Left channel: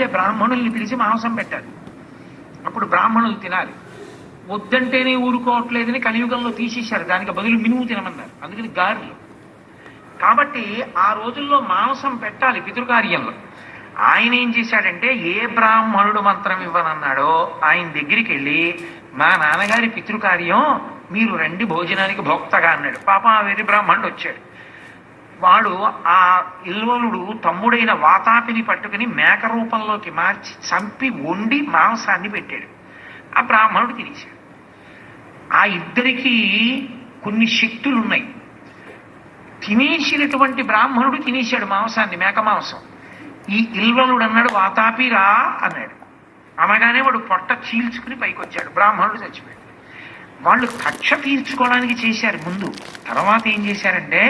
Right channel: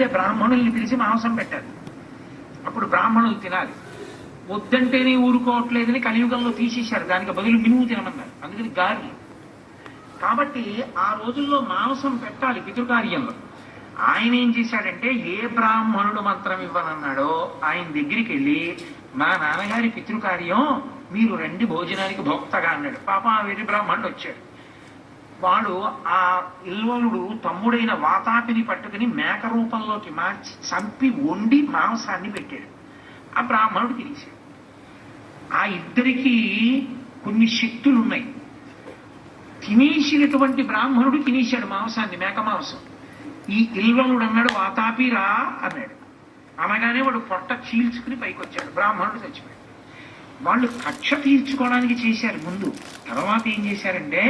వెళితే బ్రాహ్మణుల్ని పిలిచి మాంసం పెట్టాలి అప్పుడు బ్రాహ్మణులు తినాలి. వద్దంటేనే ఊరుకోవట్లేదని కలియుగంలో తీసేశారు. దానికి బదులు మినుము తినమన్నారు. అందుకని గారెలు. కాబట్టి ఆ రోజుల్లో మాంసం పెట్టాలి పితృకార్యంలో. ఆయన ఏం చేశాడంటే ఏ బ్రాహ్మణుడు మంత్రం ఇవ్వనన్నాడో ఆయన దగ్గరికి వెళ్ళి మా నాన్నగారి పితృకార్యం మీరు రండి భోజనానికి భోక్తగా అన్నాడు. పాపం ఆ వెర్రి బ్రాహ్మణుడు వచ్చాడు. వాడు ఆ ఇల్వలుడు తమ్ముడైన వాతాపిని పట్టుకుని మేక రూపంలోకి మార్చి చంపి వండి మాంసాన్ని పెట్టాడు. ఆ బ్రాహ్మణుడు తినేశాడు. ఆ ఇద్దరికి కొన్ని శక్తులు ఉన్నాయి తినేసినటువంటి బ్రాహ్మణుడు తినేశాడు మాంసాన్ని మేక మాంసం. ఈ ఇల్వలుడు అన్నాడు వాతాపిరా అన్నాడు. అనగానే వాడు పొట్ట చీల్చుకుని పైకి వచ్చాడు బ్రాహ్మణుడు చచ్చిపోయాడు. వాళ్ళు కక్ష తీర్చుకోవడానికి చేశారు. ముందు తర్వాత ఏం చేశారంటే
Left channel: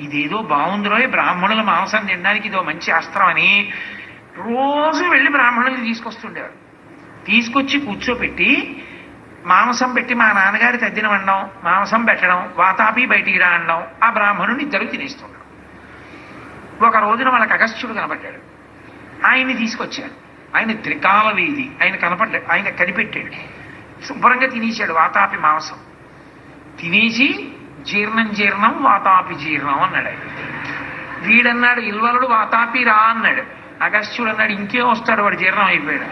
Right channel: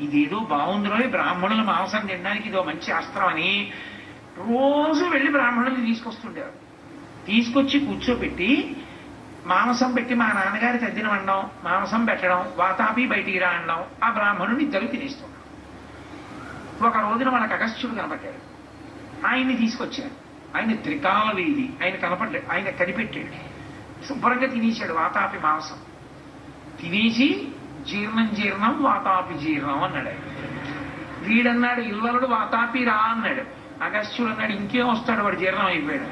ఇదేదో బాగుందిరో బ్రాహ్మణుల మాంసం తినడానికి ఇదో మంచి అస్త్రం అని రోజు వెళ్ళి బ్రాహ్మణుల్ని తీసుకొస్తుండేవారు. తీసుకొచ్చి కూర్చోబెట్టి మాంసం పెట్టి మా నాన్నగారి తద్దినం అనడం మాంసం పెట్టడం వాతాపి బయటికి రా అనడం ఆ బ్రాహ్మణుని ఇద్దరు తినేస్తున్నాడు ఒక రోజున వాళ్ళకి అగస్త్యుడు కనపడ్డాడు. ఆయన్ని తీసుకొచ్చారు. ఆయన త్రికాల వేది ఆయన కనపడ్డాడు ఆయన కనిపెట్టాడు. శుభ్రంగా తినేశాడు వాతాపి మాంసం. తినేసి జీర్ణం జీర్ణం వాతాపి జీర్ణం అన్నాడు వీడన్నాడు ఇల్వలుడు వాతాపి రా అన్నాడు. అగస్త్యుడు అన్నాడు ఇంకేం వస్తాడు వాడు? జీర్ణం అయిపోయాడు.